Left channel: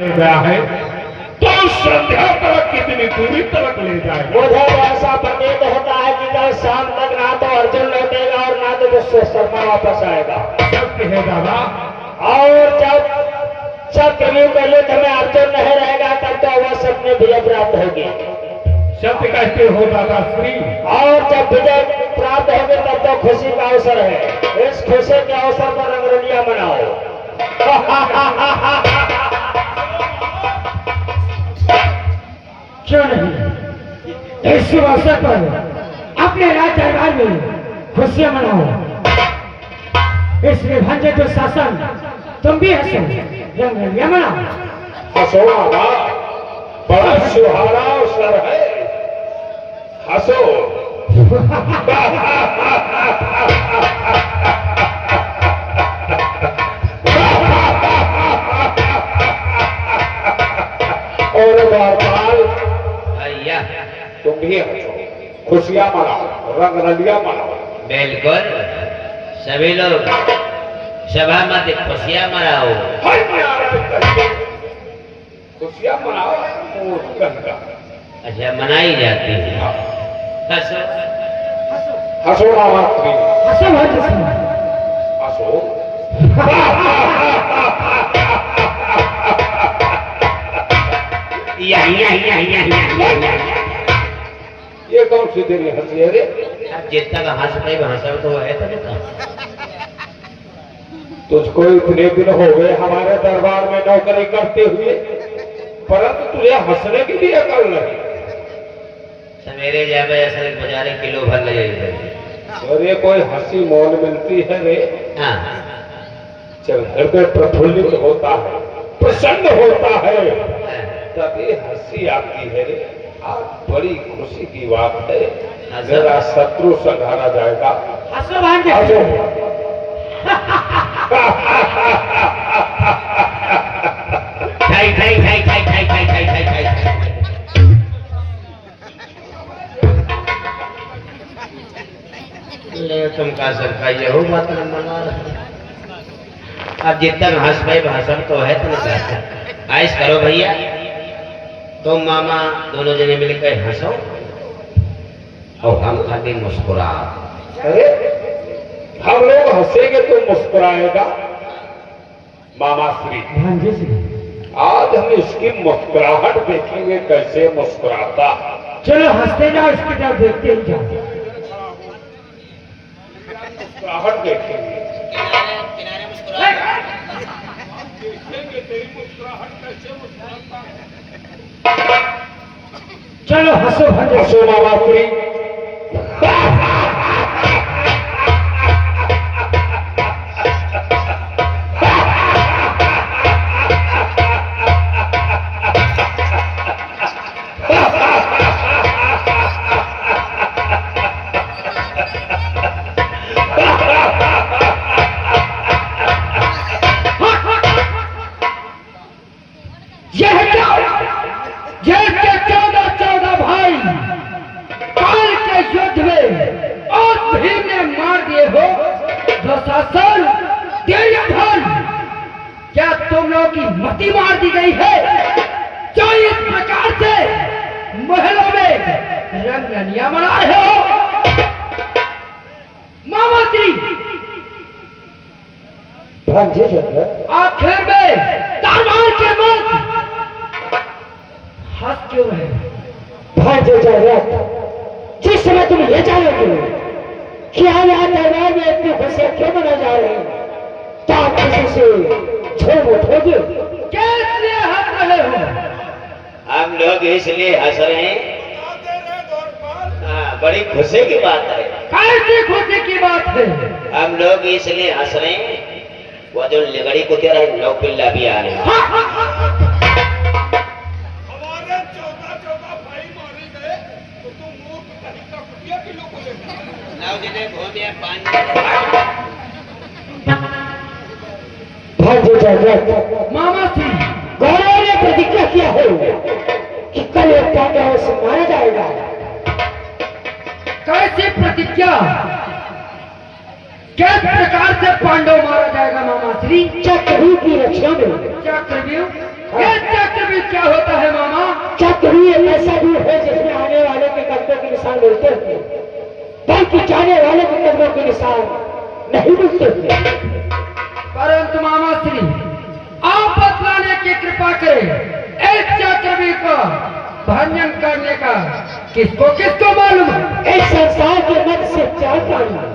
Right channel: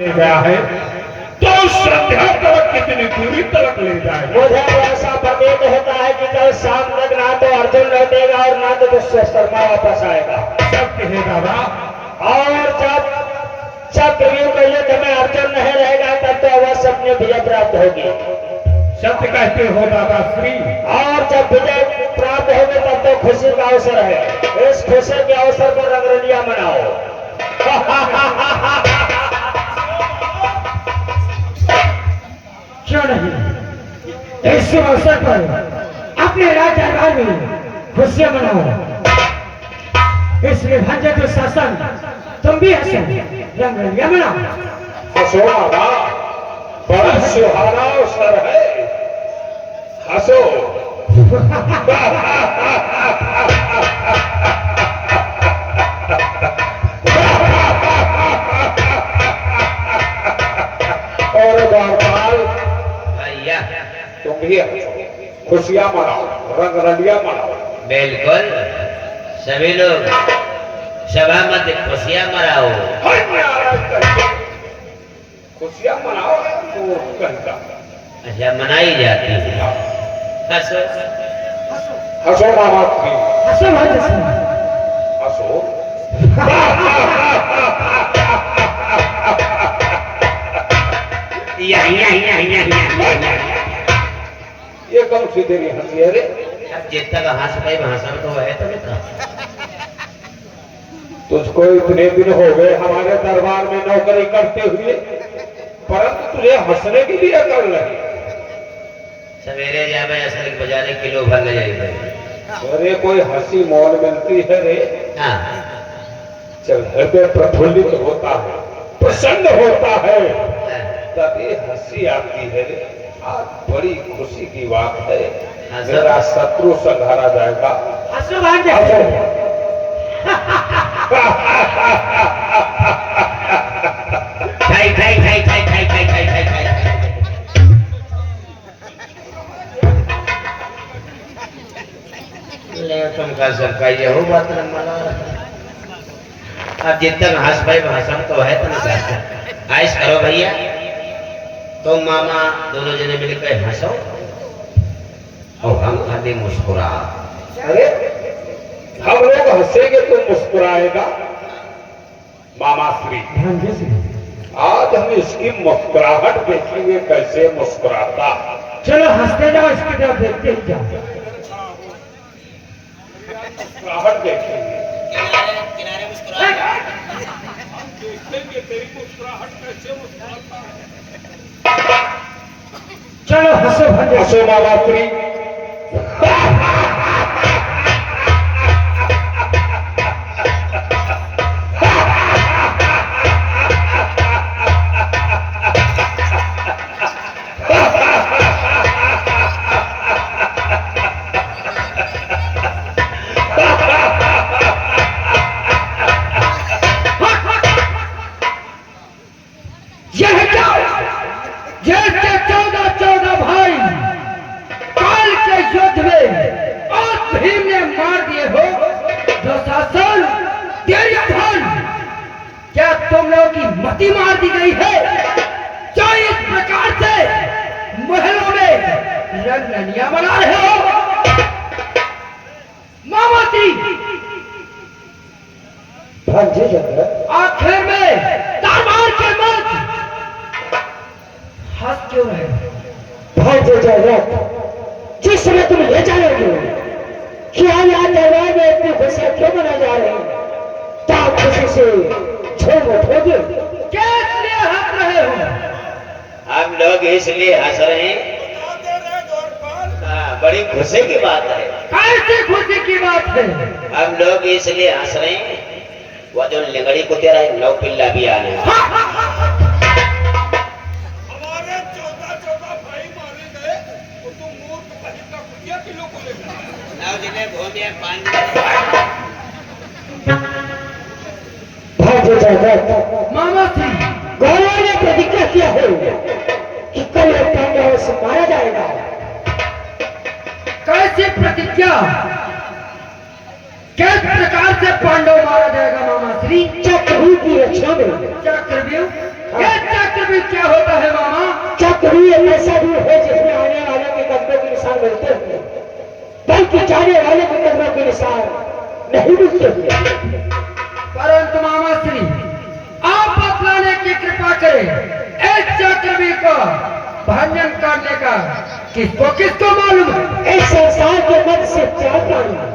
गया है तो श्रद्धा तलक कितनी दूरी तलक ले जाए। मुझे ऐसा प्रतीत होता है कि कल शाम तक ना तो अर्जुन लौटेगा और ना तो शर्मा वापस आएगा। सत्य है दादा। और जब चक्रव्यूह के युद्ध में अर्जुन नहीं रहेगा तब तो अवश्य अपने विजय प्राप्त होगी। सत्य कहते हो दादा श्री। और जब विजय प्राप्त होगी तब तो खुशी का अवसर है। इस खुशी के अवसर पर रंगरलिया मनाओ। क्यों नहीं इस अवसर पर अपने राजदरबार में खुशियां मनाओ। इसलिए भांजे के शासन तुम भी हंसो, रंगरलिया मनाओ। हंसो बाबा, बड़ा सुहाना अवसर है। हंसो। और बारपाल तुम भी हंसो, खुशियां मनाओ, रंगरलिया मनाओ। बिल्कुल, सभी लोग सभा मत खुशियां मनाओ। खुशियां मनाओ। अच्छा, मनाई जाती है। हंसो हंसो मामा श्री, हंसो भांजे सिंह। हंसो। ये कौन सी तेरी हंसी है रे? अब जितना का हंस पाई हंसा तो है तो नहीं। तुझको इतने दिन हो गए हमारे दरबार में नौकरी करते हुए, परंतु तुझे हंसने की भी अकल नहीं। सवेरे जावे असल बजाने किलो भर ले जाएगी। अरे कोई हंसी मौन मिलती है रे। हाँ, जब हृदय प्रफुल्लित होता है, प्रसन्न होता है, तभी हंसी आती है रे। आज बड़ी खुशी की बात है, मेरा शत्रु संघारा जाएगा। हंसो भांजे हंसो। खाई खाई खाई खाई खाई खाई खाई खाई खाई खाई। ले तुमका सबका यहो बात न माना। अब जितना हंस पाए हंसम तो है तो नहीं। आइस करो भैया, तुम मामा दोनों जने मिलकर हंसो और हम खाली मुस्कुरा। अरे हम लोग हंसेंगे तो मुस्कुराएगा मामा श्री। भांजे सिंह, आज हम इसकी मुस्कुराहट देखेंगे कैसे मुस्कुराता। चलो हंसते जाओ, इसकी तरफ देखते ही जाओ। मुस्कुराहट देखेंगे। किनारे किनारे मुस्कुरा। हम देखेंगे तेरी मुस्कुराहट कैसे मुस्कुराता है। चलो हंसो भांजे। हंसो मामा श्री। यह के 14 भाई काल के युद्ध में और भीम ने मार दिए हो दुशासन, दुर्योधन। क्या तुम लोगों की मति मार दी गई है जो इस प्रकार से महलों में रंगरलिया मना रहे हो? मामाश्री, भांजे चंद्र, आखिर में दरबार के मत हंस क्यों रहे? भांजे चंद्र, जिस समय तुम ये जानोगे कि हम यहाँ दरबार में इतनी खुशियां क्यों मनाई जा रही हैं, तो आप खुशी से झूम उठोगे। कैसे हंस रहे हो? हम लोग इसलिए हंस रहे हैं। हाँ, बड़ी खुशी की बात है। कैसी खुशी की बात है? हम लोग इसलिए हंस रहे हैं, वो जो लिगड़ी को तेरा नौ पिल्ला भी आ रहे हैं। हमारे 14 भाई मारे गए तो तुम मूर्ख कहीं का कुटिया किलो को लेकर नौ जने घूमे पांच भांजे चंद्र, मामा थी गौरव ने प्रतिज्ञा किया है कि कल एक पांडव से मारा जाएगा। कैसी प्रतिज्ञा? किस प्रकार से पांडव मारा जाएगा मामा श्री? चक्रव्यूह की रक्षा में। चक्रव्यूह? ये चक्रव्यूह क्या होता है मामा? चक्रव्यूह ऐसा भी है जिसमें आने वाले के कदमों के निशान मिलते हैं, बल्कि जाने वाले के कदमों के निशान नहीं मिलते हैं। परंतु मामा श्री आप बतलाने की कृपा करें, इस चक्रव्यूह को भंजन करने का किसको किसको मालूम है? इस संसार के मध्य से 4 प्राणी हैं।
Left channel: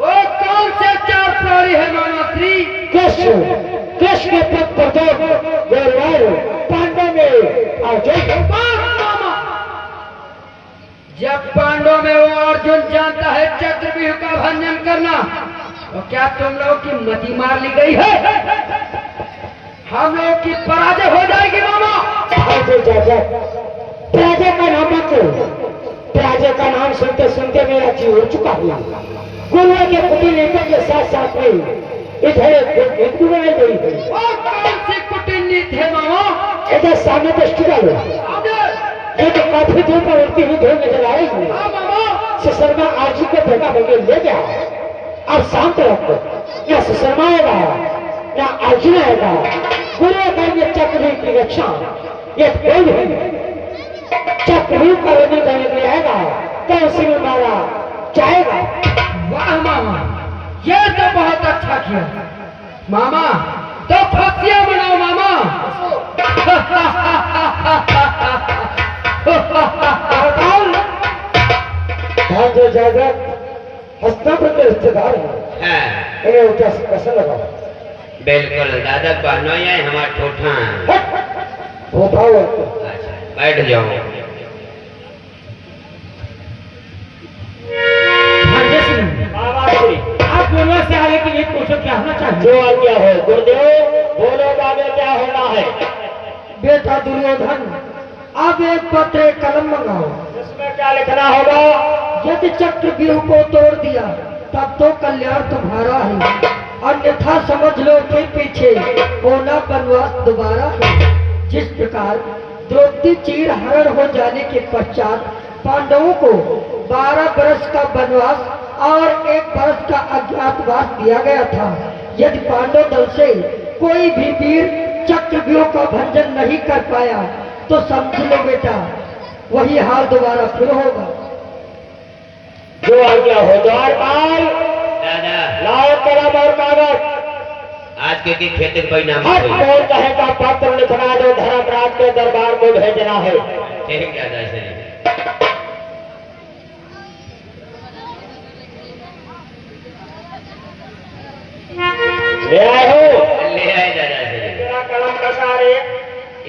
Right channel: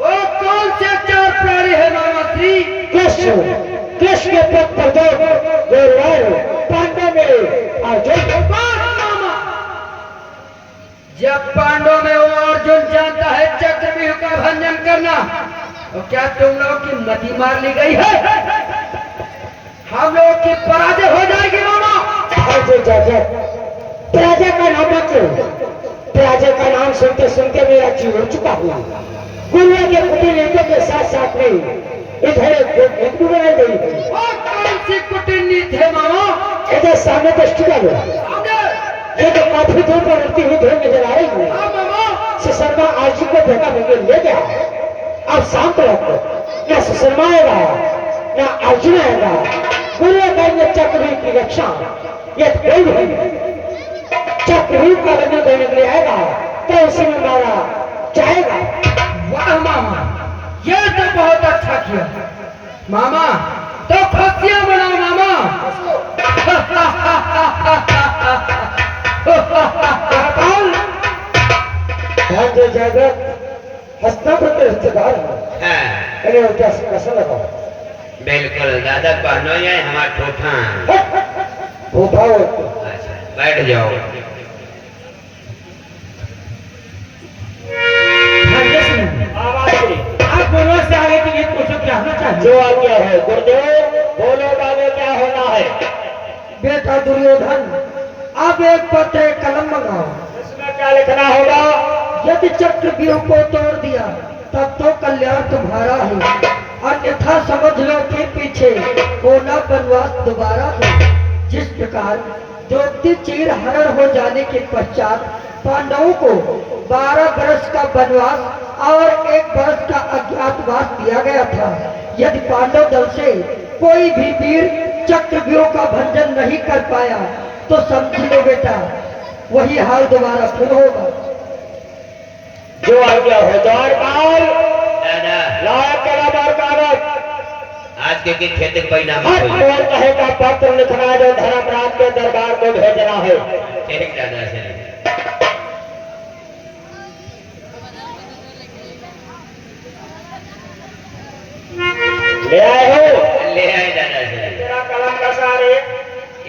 वो कौन से 4 प्राणी है मामा श्री? कृष्ण के पद पर 2 गौरव, पांडव में अर्जुन। मामा जब पांडव में वो अर्जुन जानता है चक्रव्यूह का भंजन करना, तो क्या तुम लोगों की मति मार ली गई है? हम लोग की पराजय हो जाएगी मामा। पराजय का नाम मत लो, पराजय का नाम सुनते सुनते मेरा जीव उड़ चुका है। गुरुओं के कुटिल के साथ साथ में इधर एक भी बनाई गई है। वो कौन सी कुटिल नीति है मामा? इधर सामने दृष्टि डालो, ये तो काफी दूर पर उड़ती हुई धूल नजर आ रही है। हाँ मामा। सुशर्मा आरजू को देखा मुझे ले गया। अब शाम तक न सुशर्मा आएगा न अर्जुन आएगा। गुरुओं का ये चक्रव्यूह की रक्षा ये कोई भी चक्रव्यूह का रंजन करने के लिए आएगा तो उसी में मारा जाएगा। वाह मामा, ये तो बहुत अच्छा किया मामा। तो खुशियां मनाओ मामा। जो जगत हस्तापुर के रिश्तेदार है, हाँ, इन्हें उनका कैसा लगा? बिल्कुल दादा बहनों ये हमारा ठोठा। वो भाव अच्छा, बैठ जाओ। आप दोनों से आगे के लिए पूछो क्या होना चाहिए? जो आज्ञा है गुरुदेव, बोलो बाबे क्या होना है? बेटा दुर्योधन, अब एक पत्र एक कलम मंगाओ। इसमें क्या लिखना होगा? यदि चक्रव्यूह को तोड़ दिया तब तो कल्याण तुम्हारा है, अन्यथा समझ लो कि पीछे कोना वनवास दोबारा है। जिस प्रकार द्रौपदी चीर हरण हो जाने के पश्चात पांडवों को 12 वर्ष का वनवास और 1 वर्ष का अज्ञातवास दिया गया था, यदि पांडव दल से कोई भी वीर चक्रव्यूह का भंजन नहीं कर पाया तो समझ लो बेटा वही हाल दोबारा फिर होगा। जो आज्ञा हो द्वारपाल, दादा लायक कलम और कागज। आज के खेती के परिणाम हर मोर कहे का पत्र लिखना जो धर्मराज के दरबार को भेजना है। ठीक दादा से ले आए हो? ले आए दादा से। तेरा कलम कैसा रे?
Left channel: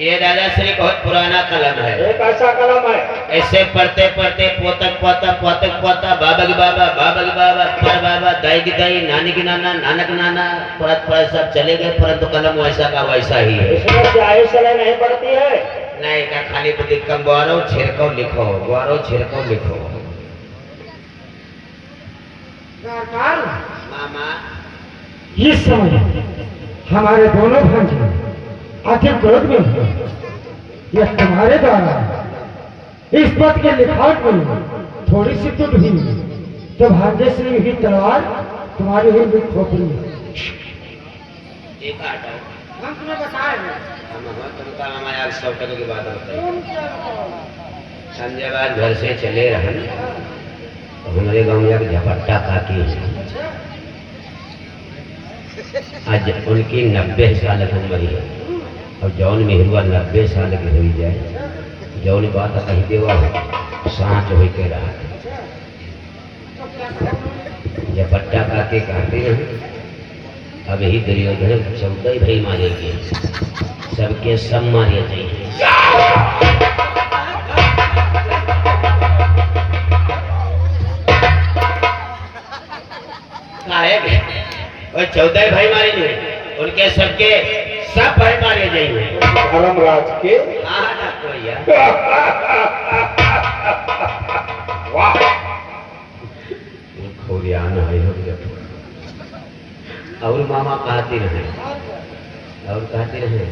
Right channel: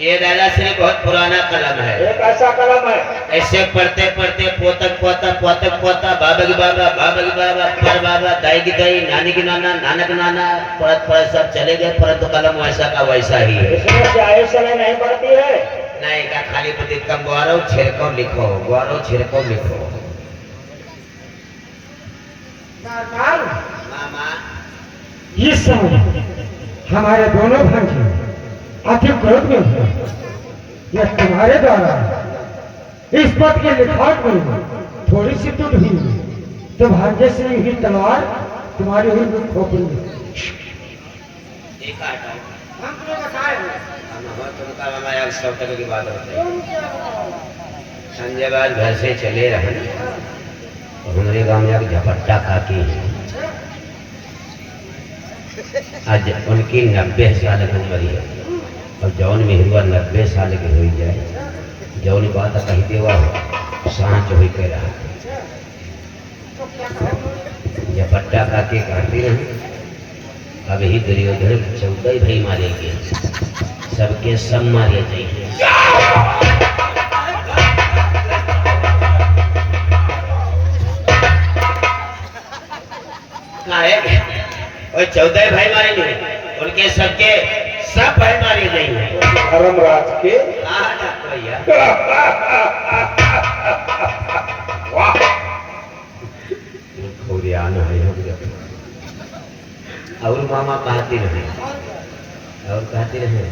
ये दादा श्री बहुत पुराना कलम है। एक ऐसा कलम है ऐसे पढ़ते पढ़ते पोतक पोता पोतक पोता बाबा की बाबा पर बाबा दाई की दाई नानी की नाना नाना का नाना पढ़त पढ़त सब चले गए, परंतु कलम वैसा का वैसा ही है। इसमें स्याही सलाह नहीं पड़ती है। नहीं का खाली प्रतीक कम गौरव छिड़को लिखो, गौरव छिड़को लिखो। मामा इस समय हमारे दोनों भांजे अति क्रोध में है। यह तुम्हारे द्वारा इस पद के लिखावट में थोड़ी सी टूट हुई तो भाग्य से ही तलवार तुम्हारी हुई भी खोपड़ी। एक हटाओ, हम तुम्हें बताए तुमका हमारे आज सौतक की बात होती है। संजय बाद घर से चले रहे तो हमारे गांव में एक झपट्टा खाती है। आज उनकी 90 साल की उम्र है और जौन में हिरुआ 90 साल की हो जाए, जौन बात कही देवा सांच हो के रहा झपट्टा खाके कहते रहे। अब ही दुर्योधन 14 भाई मारे गए, सबके सब मारे जाइए। और 14 भाई मारे गए, उनके सबके सब भाई मारे जाइए। धर्मराज के हाँ डॉक्टर भैया वाह खोरियान है हम जब। और मामा कहते रहे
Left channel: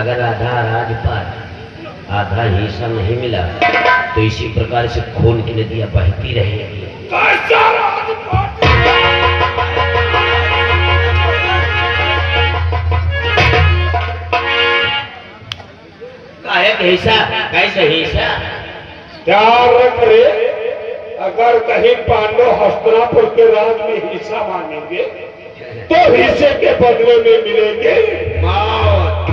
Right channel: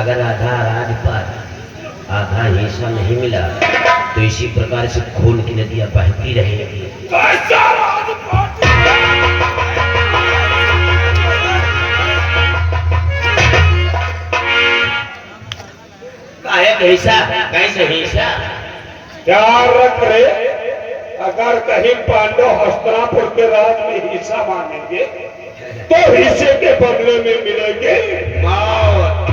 अगर आधा राजपाट आधा हिस्सा नहीं मिला तो इसी प्रकार से खून की नदियां बहती रहेंगी। काहे के हिस्सा कैसे हिस्सा ध्यान रख रे, अगर कहीं पांडव हस्तिनापुर के राज में हिस्सा मांगेंगे तो हिस्से के बदले में मिलेंगे मौत।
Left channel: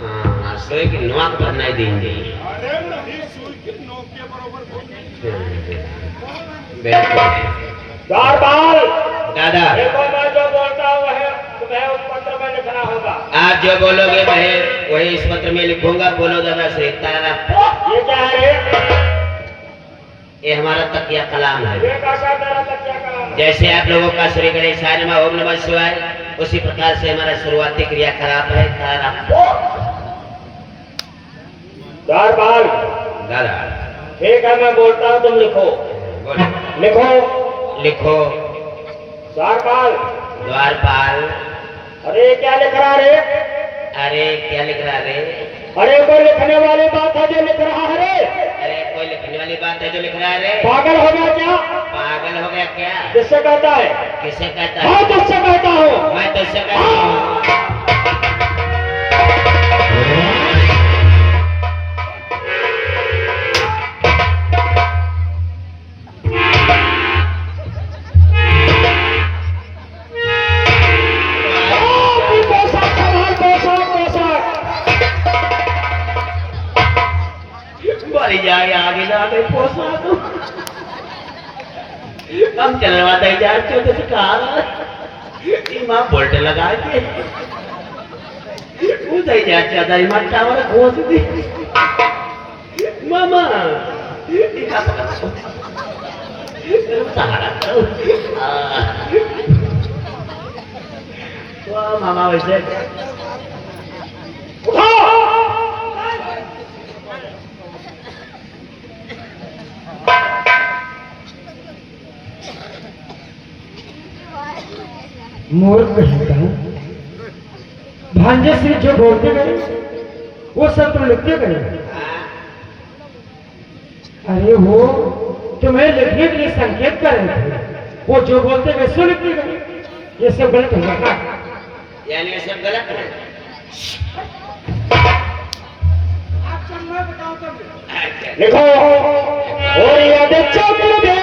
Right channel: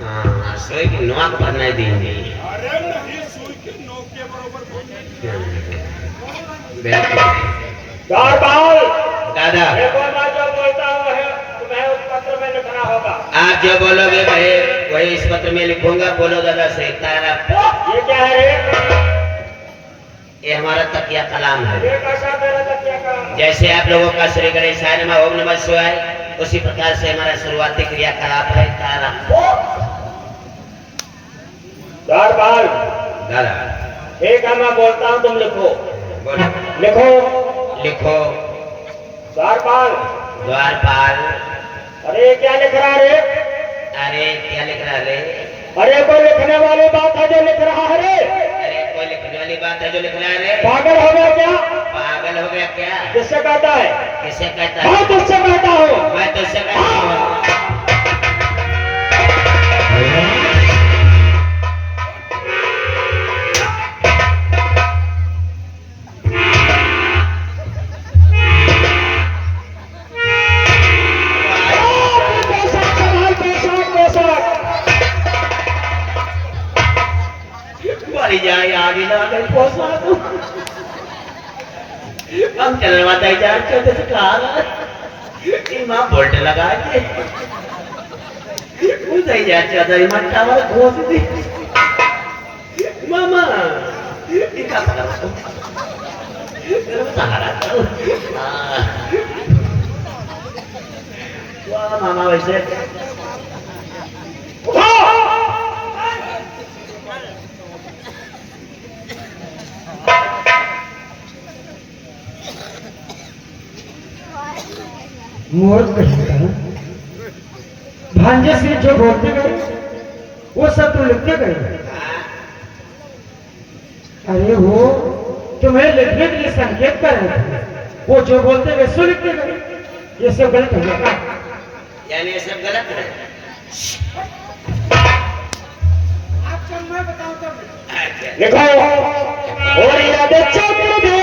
हाँ सोई की नौक पर नहीं देंगे। अरे नहीं, सुई के नोक के बरोबर बिल्कुल दादाल, दादा देखो मैं जो बोलता हूँ है तुम्हें उस पत्र में लिखना होगा। आप जो बोलोगे वही इस पत्र में लिखूंगा। बोलो दादा श्री तारा। ये क्या है रे? ये हमारा तकिया कलाम है। ये कैसा तेरा तकिया कलाम? जैसे आप लोगों का श्री गणेशाय नमः ओम नमः शिवाय, उसी प्रकार से हमारा शुरुआती क्रियाकलाप है तारा। द्वारपाल, दादा ठीक है मैं बोलता हूँ, तुम लिखो। बोलो लिखो। लिखो। द्वारपाल। द्वारपाल। अरे क्या लिख रहा रे? अरे क्या लिख रहा रे? अरे कोई लिखने वाली बात है जो लिख रहा है रे? अरे कोई लिखने वाली बात है जो लिख रहा है रे? पागल हो गया क्या? पागल हो गया क्या? किससे कहता है? किसे कहता है? मैं तुझसे कहता हूँ। मैं तो इससे कहता हूँ। मरी जाए आगे ना गई पोसा तो हम चलने वाला जा छोटे से कहा कि माँ बोल्ट लगा के उधर जा चाहता है माँ टावर घोष दी मामा ये क्या पकड़ा मेरे को सहारा करो। वाह मामा वैसे मोर कहता भांजे से जो बोलते गए वो सब तो लिखते गए। अरे वो तुम्हें लिखने के लिए संकेत कर रहे थे, वो जो बोलते गए सो लिखते गए। ये सब गलत हो गया। यानी ये सब गलत है। लिखो। और याद चक्र दे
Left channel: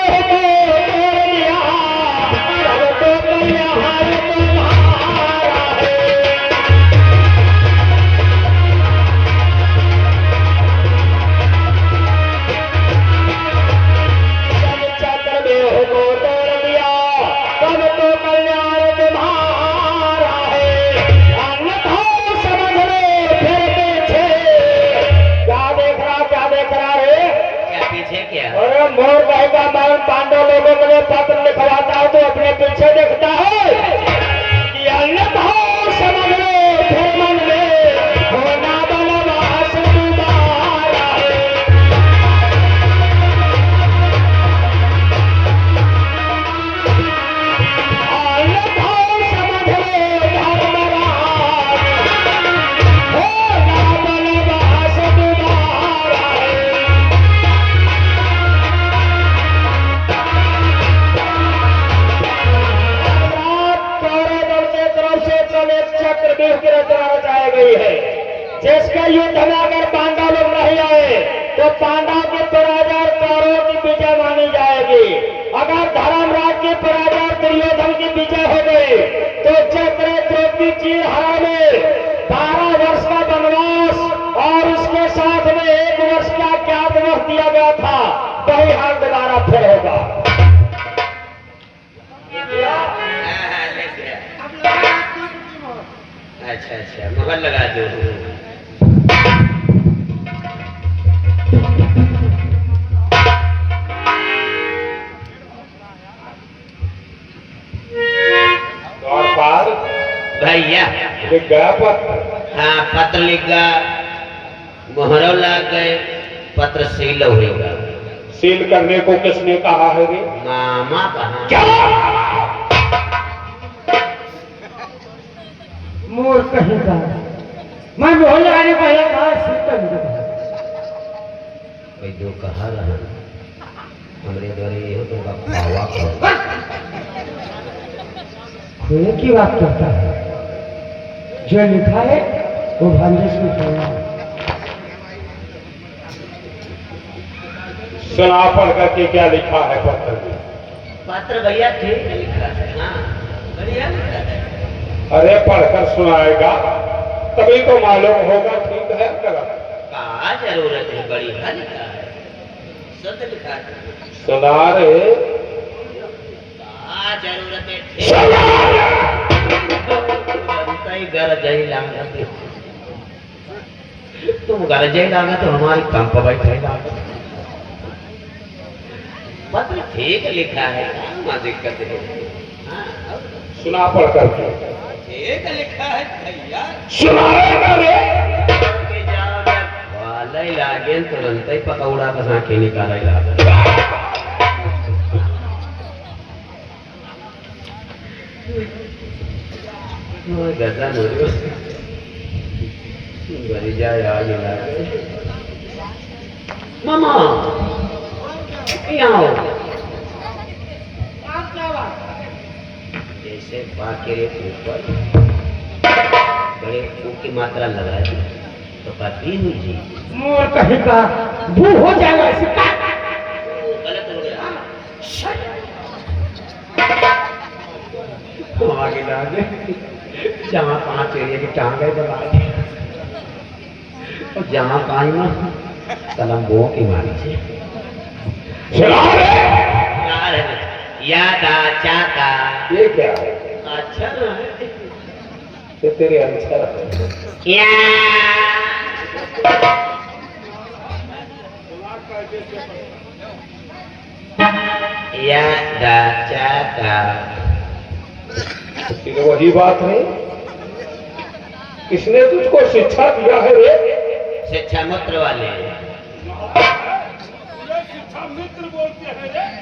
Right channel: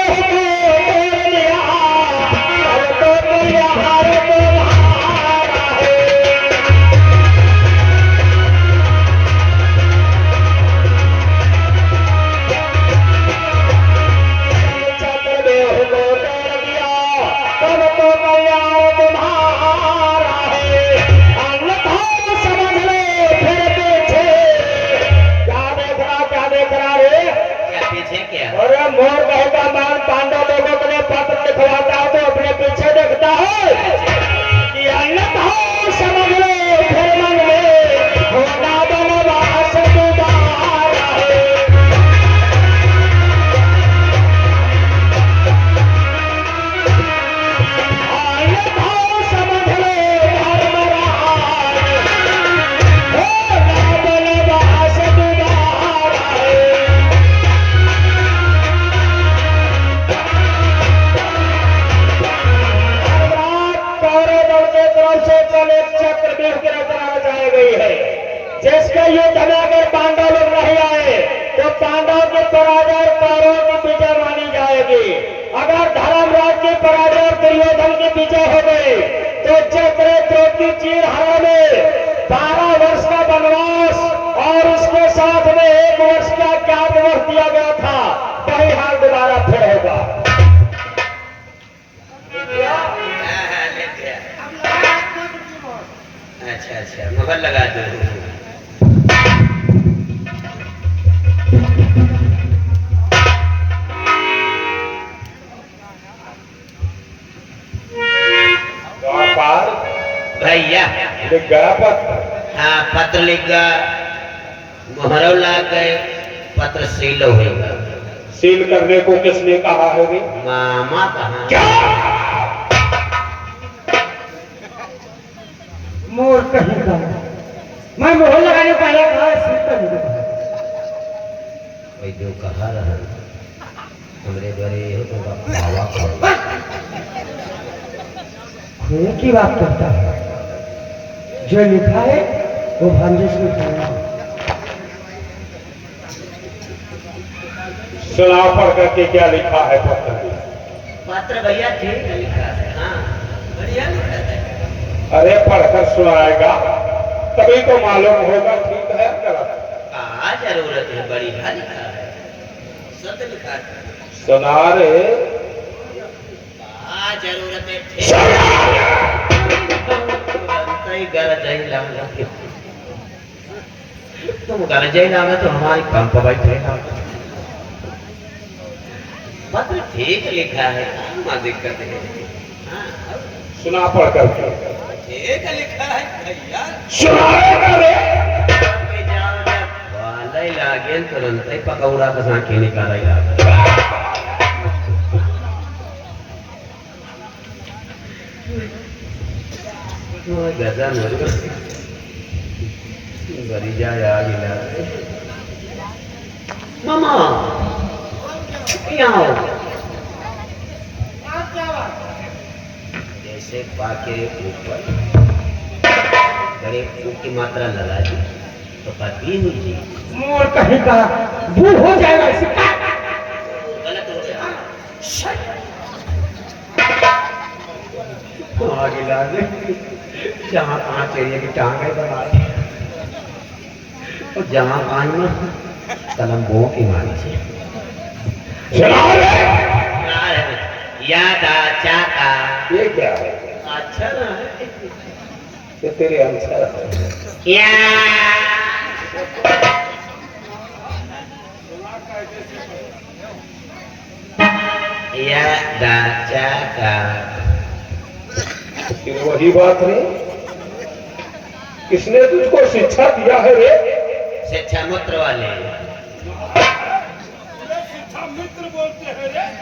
मोर कहता मैं पांडव लोगों के लिए पत्र लिखवाता हूँ तो अपने पीछे देखता है कि अन्यथा समझ लो फिर मन में होना बनवास दीदार है। अन्यथा समझ लो धर्मराज होना बनवास दीदार है। चक्रव्यूह की रचना रचाई गई है जिसके युद्ध में अगर पांडव लोग नहीं आए तो पांडव की पराजय और कौरवों की विजय मानी जाएगी। अगर धर्मराज की पराजय और दुर्योधन की विजय हो गई तो चक्र द्रौपदी चीरहरा में 12 वर्ष का वनवास और इसके साथ में 1 वर्ष का अज्ञातवास दिया गया था, वही हाल दोबारा फिर होगा। अच्छा अच्छा मोहर लगा दो। द्वारपाल भैया लिख गया पत्र? हाँ पत्र लिख गया, मोहर लग गए, पत्र सील होगा। सील करने को किसने कहा है रे? मामा कहाँ? क्या? मोर कहेगा मैं मोहर लगाने को आया था, सिर पर नहीं भाई जो कहा रहा हमरे द्वारे ये तो बाबा खोए की बात करता है। जो लिखा है वो भांजे से उठाया। सुना पढ़ करके क्या लिखा है पत्र में? पत्र भैया ठीक है लिखा है, हाँ बढ़िया लिखा है। अरे पढ़कर सुनाएगा तभी तो मालूम होगा ठीक है गलत। क्या जरूरत है, बढ़िया लिखा है, शुद्ध लिखा है। सुना रे। क्या जरूरत है, ठीक घर जाई लागा, तुम घर जाई लागा तो हमारी कम पर बैठे लागा। पत्र ठीक लिखा है, क्या दिक्कत है? हाँ, सुना पढ़ करके। ठीक लिखा है भैया। सुनाएगा रे। के जाओ जब वाले लागे तुरंत ही पकौड़ा का साँखी निकाले लागे। गजा मेरे गरी जा लागे। मामा यहाँ आओ। जैसे पाके ऊपर बड़े फूक की मात्रा लगा दी तो पति हुई जी। मोर कहीं का भूल हो जाएगा इसका। गलत हो गया। आगे लागे जहाँ 5 एरिया की टांगे बना और जहाँ 5 ना कलम्बो की मारी से सुना रे। याद आ चाका। ये क्या है? अच्छा ना है। ये तेरे अनुसार है। या याद आ चाका। ये वही बात नहीं। किसने तुझको शिक्षा दिया है रे? शिक्षा मूत्र वाले।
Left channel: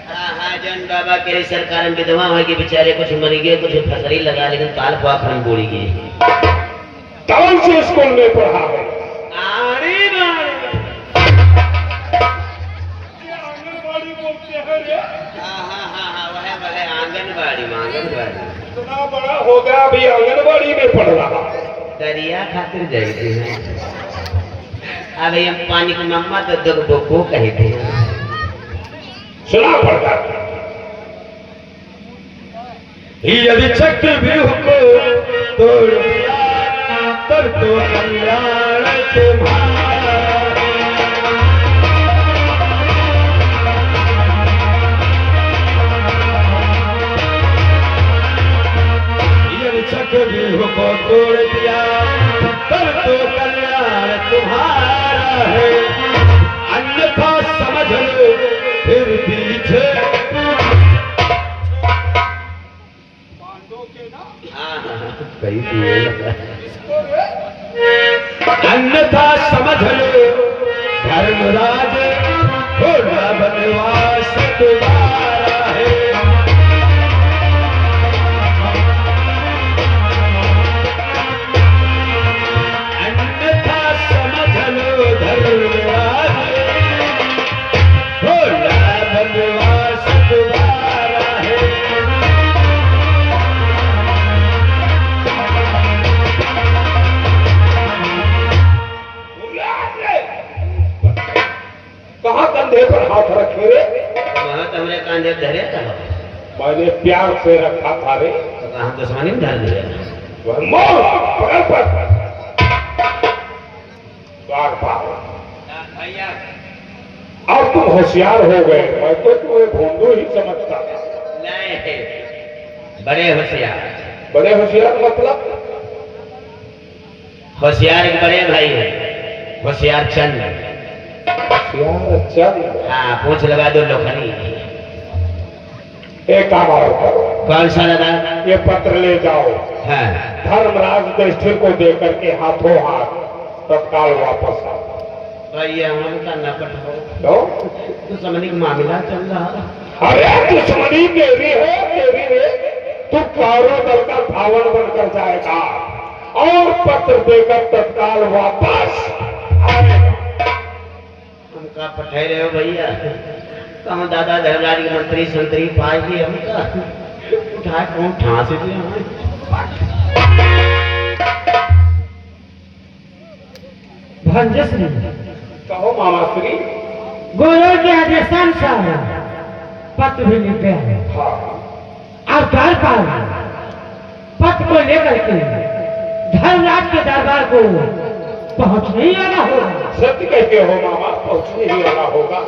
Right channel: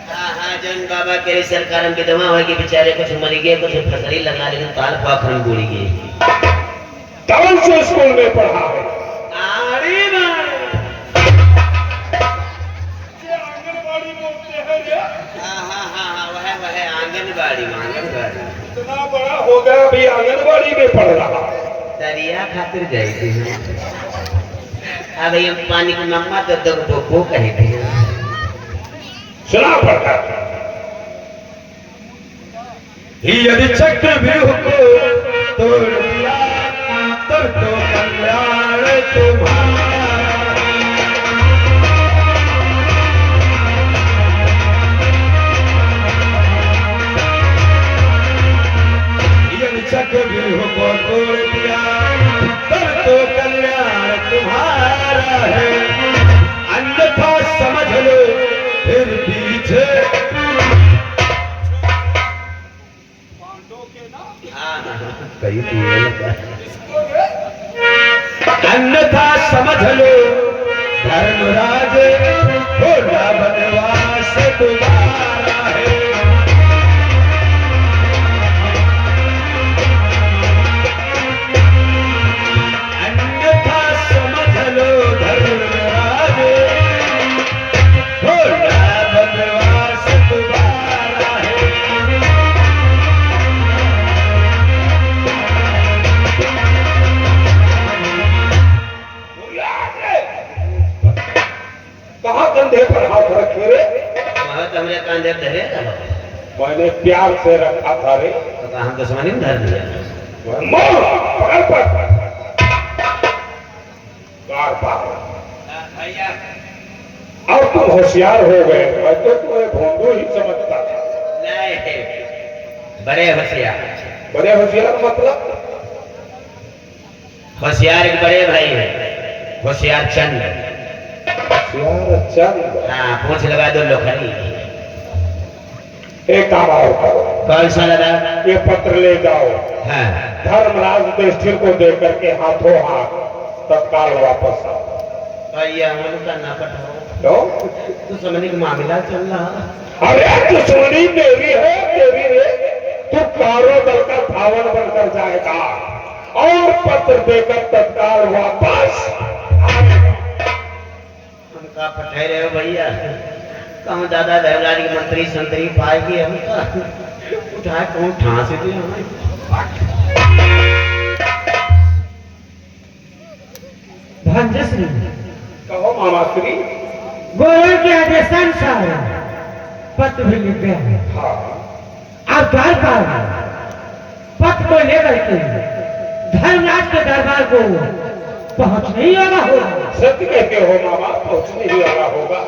हाँ हाँ जन बाबा के सरकार में विधवा हो कि बेचारे कुछ मर गए, कुछ फसली लगा, लेकिन काल पाखन बोली गई। कौन से स्कूल में पढ़ा है? आड़ी आंगनबाड़ी बोलते हैं रे। हाँ वह आंगनबाड़ी आंगनबाड़ी। इतना बड़ा हो गया अभी आंगनबाड़ी में पढ़ रहा। दरिया खातिर जाएगी हैं। अब हम पानी की मम्मा तो दुख बोको कहते हैं। सुना पड़ता यदि चक्र व्यूह को तोड़ दिया तब तो कल्याण तुम्हारा। यदि चक्र व्यूह को तोड़ दिया तब तो कल्याण तुम्हारा है, अन्यथा समझ लो फिर पीछे। कहीं अन्यथा समझ लो धर्मराज होना बनवास तुम्हारा है। अन्यथा समझ लो धर्मराज होना बनवास तुम्हारा है। कहाँ कंधे पर हाथ रखे रे? वहाँ तो हमने कांधे धरे था। मैंने प्यार से रखा था रे। तो कहाँ दुश्मनी में धर दिया। वह मोर पकड़ पर बार बार। भैया अब तुम होशियार हो गए। मैं तो तुम्हें भोंदू ही समझता था। नहीं बड़े होशियार। बड़े होशियार मतलब? होशियार एक बड़े भाई है, होशियार चंद। होशियार चंद। हाँ पूछ लगा दो लोखनी। एक काम और करो। कौन सा दादा? ये पत्र ले जाओ, हाँ धर्मराज युधिष्ठिर को दे करके हाथों हाथ तत्काल वापस आओ। और ये हमारे का ना पठाओ तो दुश्मनी का मामला चल रहा। अरे दुश्मनी मेरी है, तेरी है। तू कारो दल का धावन बनकर जाएगा और पत्र देकर तत्काल वापस आएगा। हमका पठाए रहे हो भैया? कहूँ दादा धर्मराज के मंत्री संतरी पाएगी हमका उठाए कौन ठांस दिया। भंजश्री कहो मामा श्री। गुरु के आदेशानुसार पत्र भी लिख गया है। हाँ अब द्वार पर पत्र को लेकर के धर्मराज के दरबार को पहुंचने ही लगा होगा। सत्य कहते हो मामा, पहुंचने ही वाला होगा।